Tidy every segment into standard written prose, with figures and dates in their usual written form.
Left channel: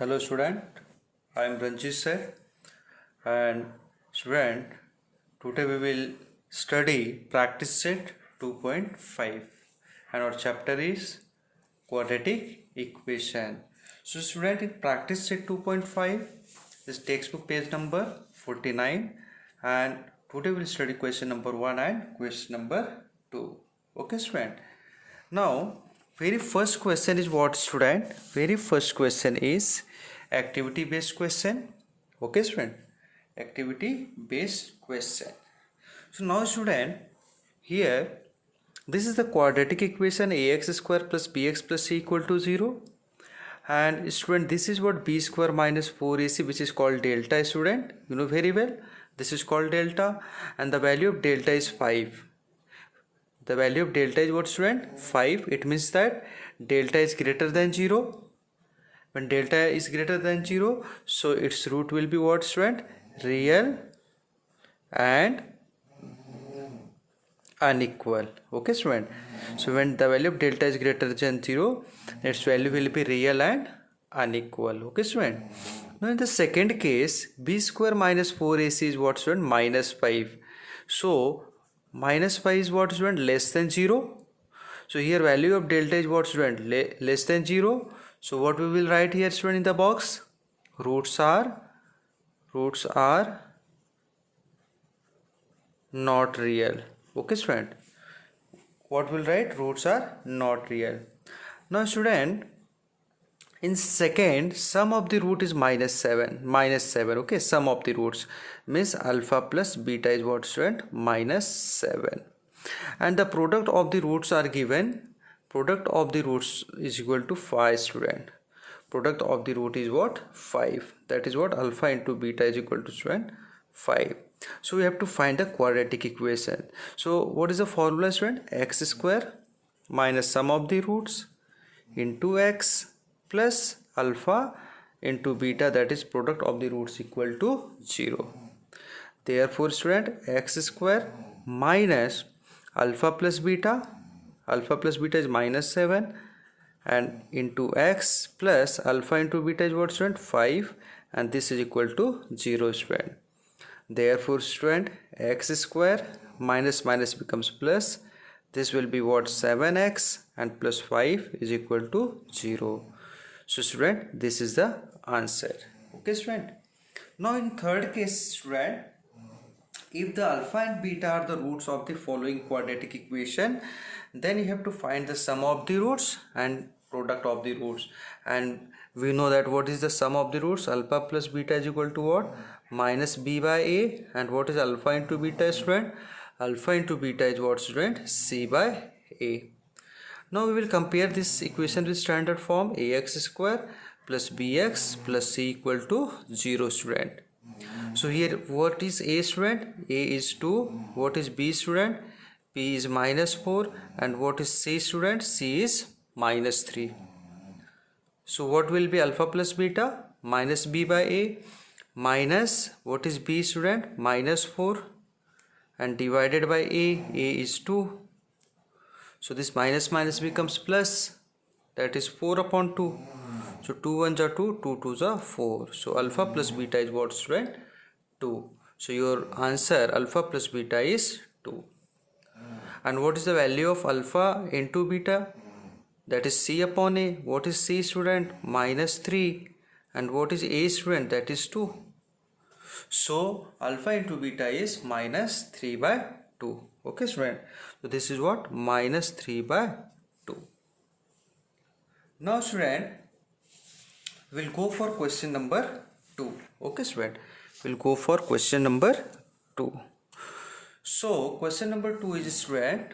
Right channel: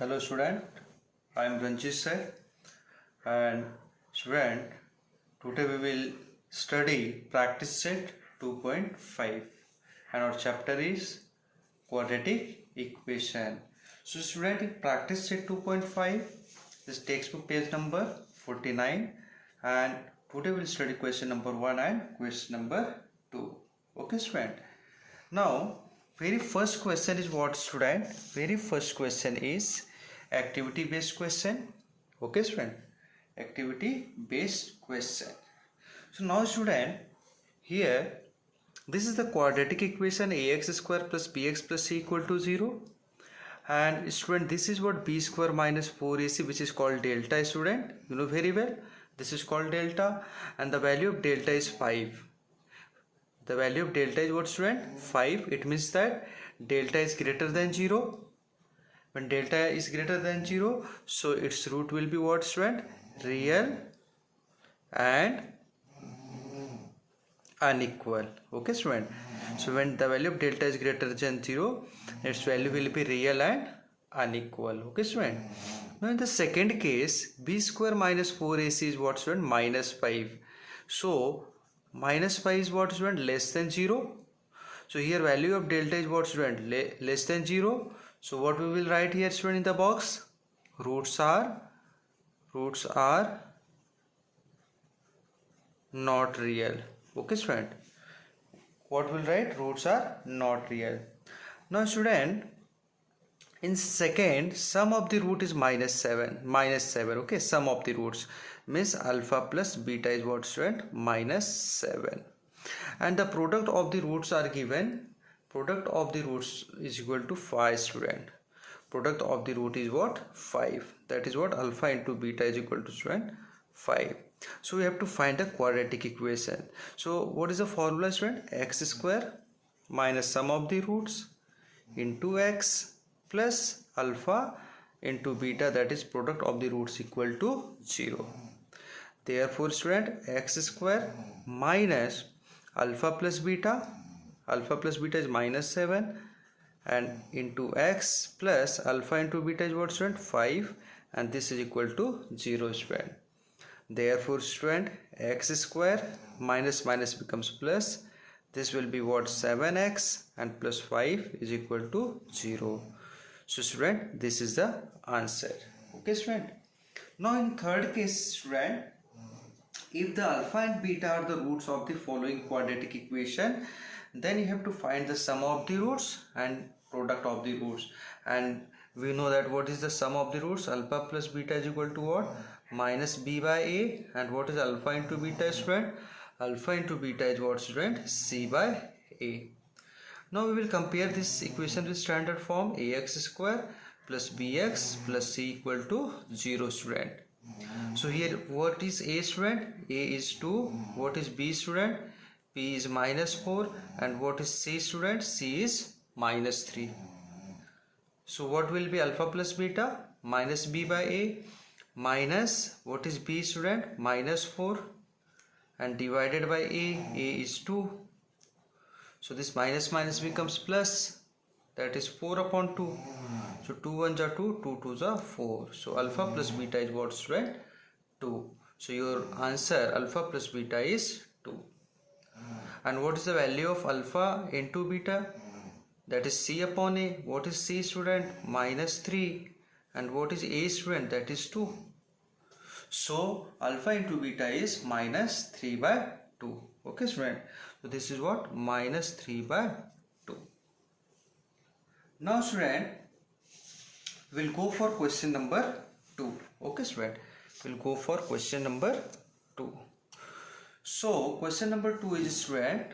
Hello student, I am Ranjit sir, and student, today we will study practice set 2.5 and our chapter is quadratic equation. So student, in practice set 2.5 this textbook page number 49, and today we will study question number 1 and question number 2. Okay student. Now very first question is what student? Very first question is activity based question. Okay student, activity based question. So now student, here this is the quadratic equation ax square plus bx plus c equal to 0, and student this is what b square minus 4ac, which is called delta. Student, you know very well, this is called delta, and the value of delta is 5. The value of delta is what student? 5. It means that delta is greater than 0. When delta is greater than 0, so its root will be what student? Real and unequal. Okay student. So when the value of delta is greater than 0, its value will be real and unequal. Okay student. Now in the second case, b square minus 4ac is what student? Minus 5. So minus 5 is what student? Less than 0. So here value of delta is what student? Less than 0. So what we will write here student in the box? Roots are not real. Okay student. What will write? Roots are not real. Now student, in second, sum of the root is minus 7. Okay, sum of the roots means alpha plus beta is what student? Minus 7. And the product of the roots are given. Product of the roots is equal to 5 student. Product of the root is what? 5. That is what? Alpha into beta is equal to student? 5. So we have to find the quadratic equation. So what is the formula student? X square minus sum of the roots into x plus alpha into beta, that is product of the roots, equal to 0. Therefore student, x square minus alpha plus beta is minus 7, and into x plus alpha into beta is what student? 5, and this is equal to 0 student. Therefore student, x square minus minus becomes plus. This will be what? 7x, and plus 5 is equal to 0. So student, this is the answer. Okay student. Now in third case student, if the alpha and beta are the roots of the following quadratic equation, then you have to find the sum of the roots and product of the roots. And we know that what is the sum of the roots? Alpha plus beta is equal to what? Minus b by a. And what is alpha into beta student? Alpha into beta is what student? C by a. Now we will compare this equation with standard form. Ax square plus bx plus c equal to 0 student. So here what is a student? A is 2. What is b student? B is minus 4. And what is c student? C is minus 3. So what will be alpha plus beta? Minus b by a minus what is b student? Minus 4, and divided by a is 2. So this minus minus becomes plus, that is 4 upon 2. So 2 1s are 2, 2 2s are 4. So alpha plus beta is what student? 2. So your answer alpha plus beta is 2. And what is the value of alpha into beta? That is c upon a. What is c student? Minus 3. And what is a student? That is 2. So alpha into beta is minus 3 by 2. Okay student. So this is what? Minus 3 by 2. Now student, we'll go for question number 2. Okay student. We'll go for question number 2. So question number 2 is student,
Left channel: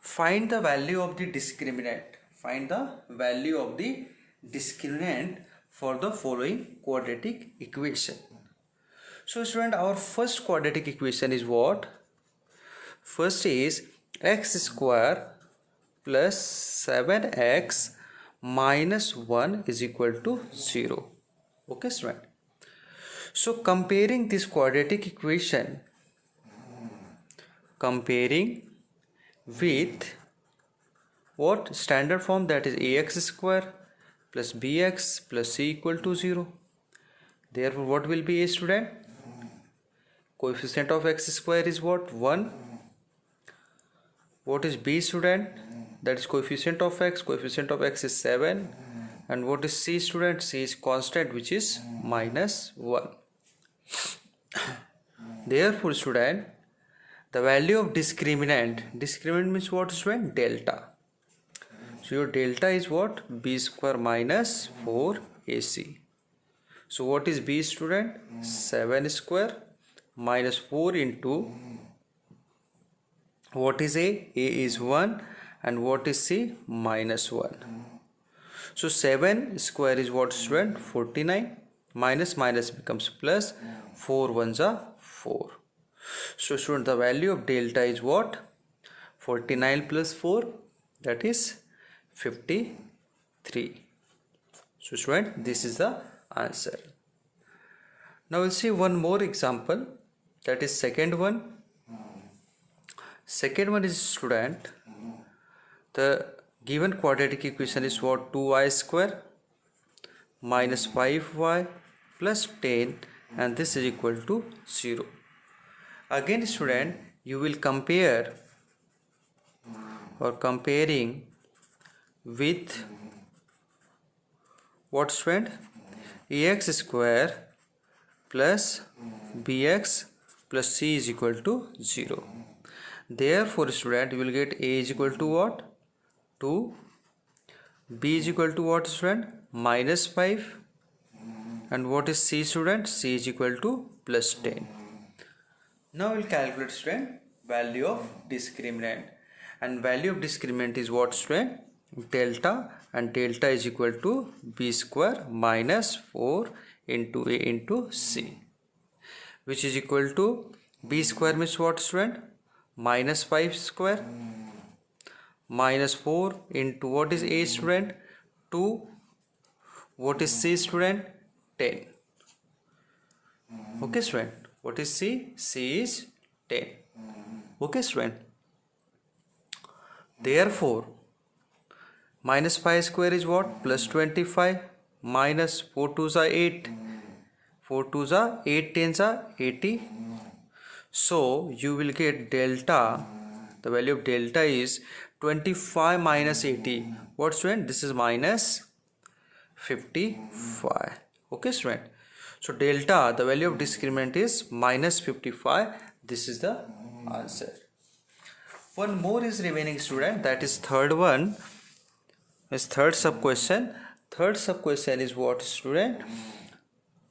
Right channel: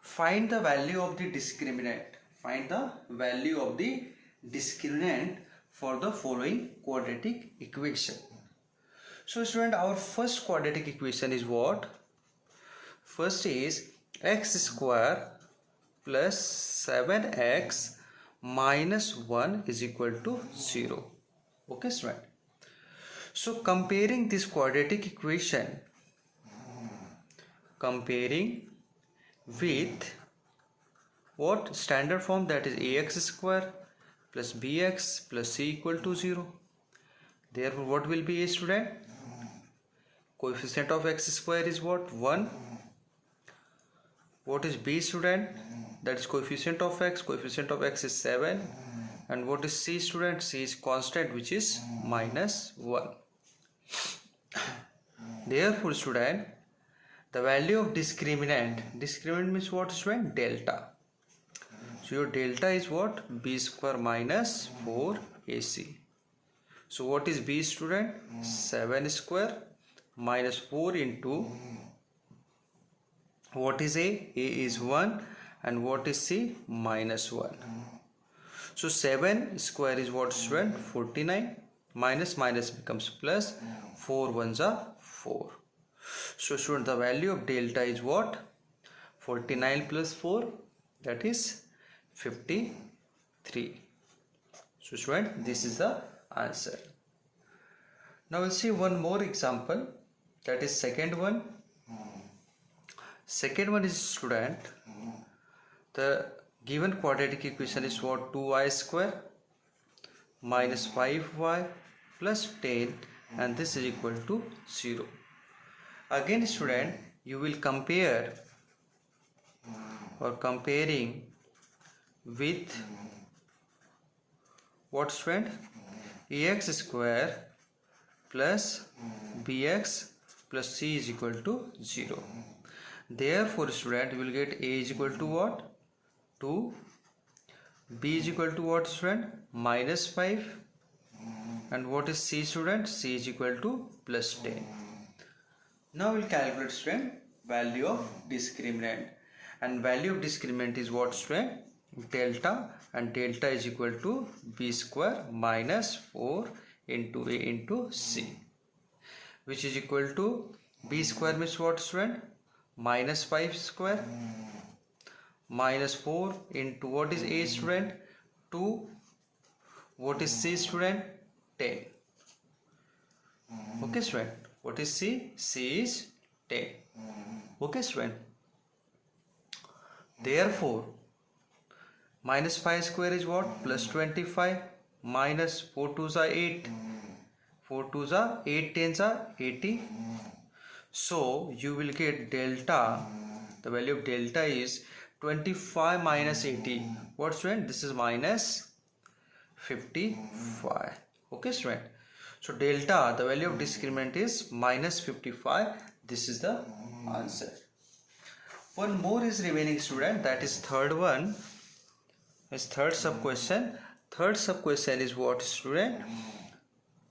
find the value of the discriminant. Find the value of the discriminant for the following quadratic equation. So student, our first quadratic equation is what? First is x square plus 7x minus 1 is equal to 0. Okay student. So comparing this quadratic equation, comparing with what? Standard form, that is ax square plus bx plus c equal to 0. Therefore, what will be a student? Coefficient of x square is what? 1. What is b student? That is coefficient of x. Coefficient of x is 7. And what is c student? C is constant, which is minus 1. Therefore, student, the value of discriminant means what student? Delta. So your delta is what? B square minus 4ac. So what is b student? 7 square minus 4 into what is a? A is 1 and what is c? Minus 1. So 7 square is what student? 49. Minus becomes plus. 4 ones are 4. So student, the value of delta is what? 49 plus 4, that is 53. So student, this is the answer. Now we'll see one more example, that is second one. Second one is student, the given quadratic equation is what? 2y square minus 5y plus 10, and this is equal to 0. Again student, you will compare or comparing with what student? Ax square plus bx plus c is equal to 0. Therefore student, you will get a is equal to what? 2. B is equal to what student? Minus 5. And what is c student? C is equal to plus 10. Now we will calculate student value of discriminant. And value of discriminant is what student? Delta, and delta is equal to b square minus 4 into a into c, which is equal to b square means what student? Minus 5 square minus 4 into what is a student? 2. What is c student? 10. Okay student, what is c? C is 10. Okay student, therefore minus 5 square is what? Plus 25 minus 4 2s are 8. 4 2s are 8 10s are 80. So you will get delta, the value of delta is 25 minus 80. What student? This is minus 55. Okay student, so delta, the value of discriminant is minus 55. This is the answer. One more is remaining student, that is third one. Is third sub question. Third sub question is what student?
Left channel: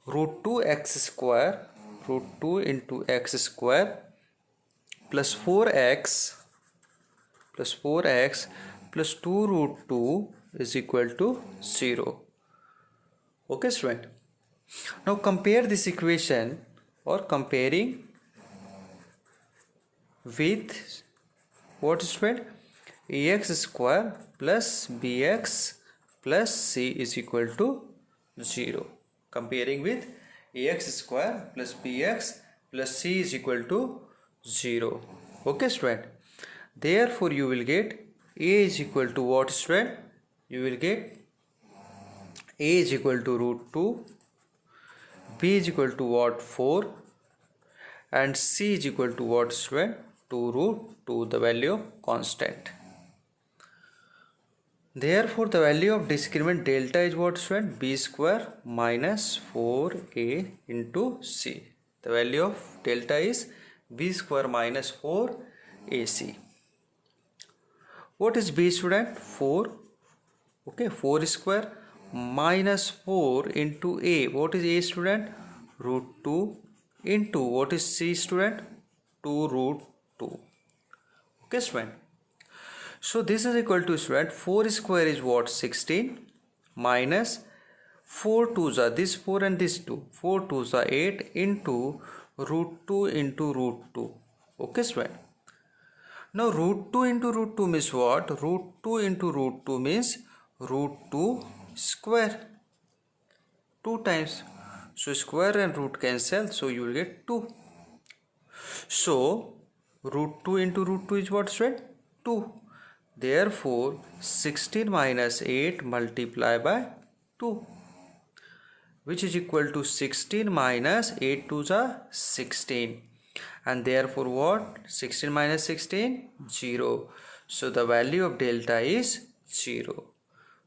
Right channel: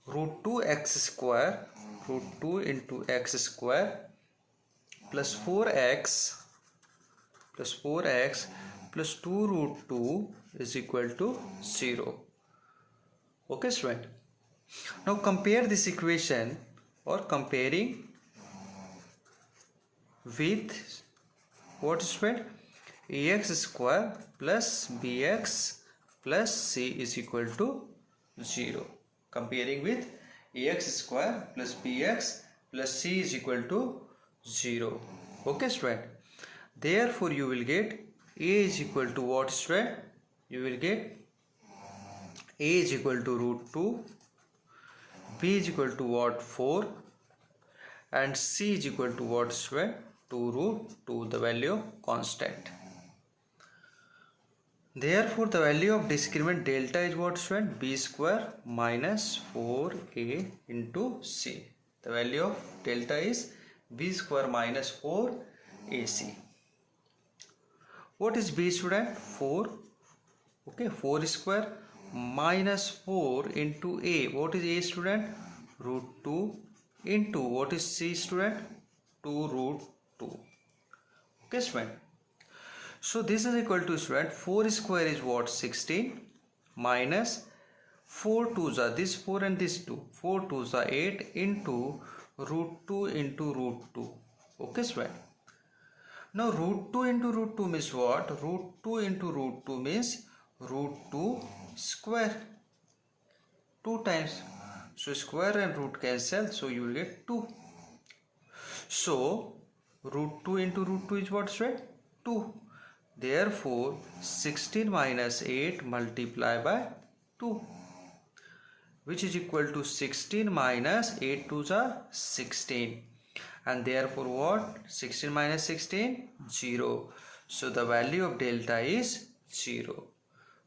Root 2 x square, root 2 into x square plus 4x plus 2 root 2 is equal to 0. Okay student, now compare this equation or comparing with what student? Ax square plus bx plus c is equal to 0. Comparing with ax square plus bx plus c is equal to 0. Okay student, therefore you will get a is equal to what student? You will get a is equal to root 2, b is equal to what? 4, and c is equal to what student? 2 root 2, the value of constant. Therefore the value of discriminant delta is what student? B square minus 4a into c. The value of delta is b square minus 4ac. What is b student? 4. Okay, 4 square minus 4 into a. What is a student? Root 2 into what is c student? 2 root 2. Okay student, so this is equal to student 4 square is what? 16 minus 4 2s are this 4 and this 2. 4 2s are 8 into root 2 into root 2. Okay student, now root 2 into root 2 means what? Root 2 into root 2 means root 2 square 2 times. So square and root cancel, so you will get 2. So root 2 into root 2 is what student? 2. Therefore 16 minus 8 multiplied by 2, which is equal to 16 minus 8 to the 16, and therefore what? 16 minus 16, 0. So the value of delta is 0.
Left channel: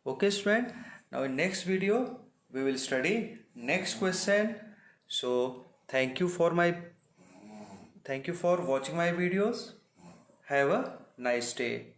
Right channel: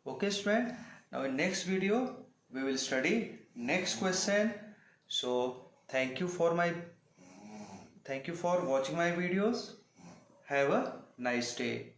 Okay student, now in next video we will study next question. So thank you for watching my videos. Have a nice day.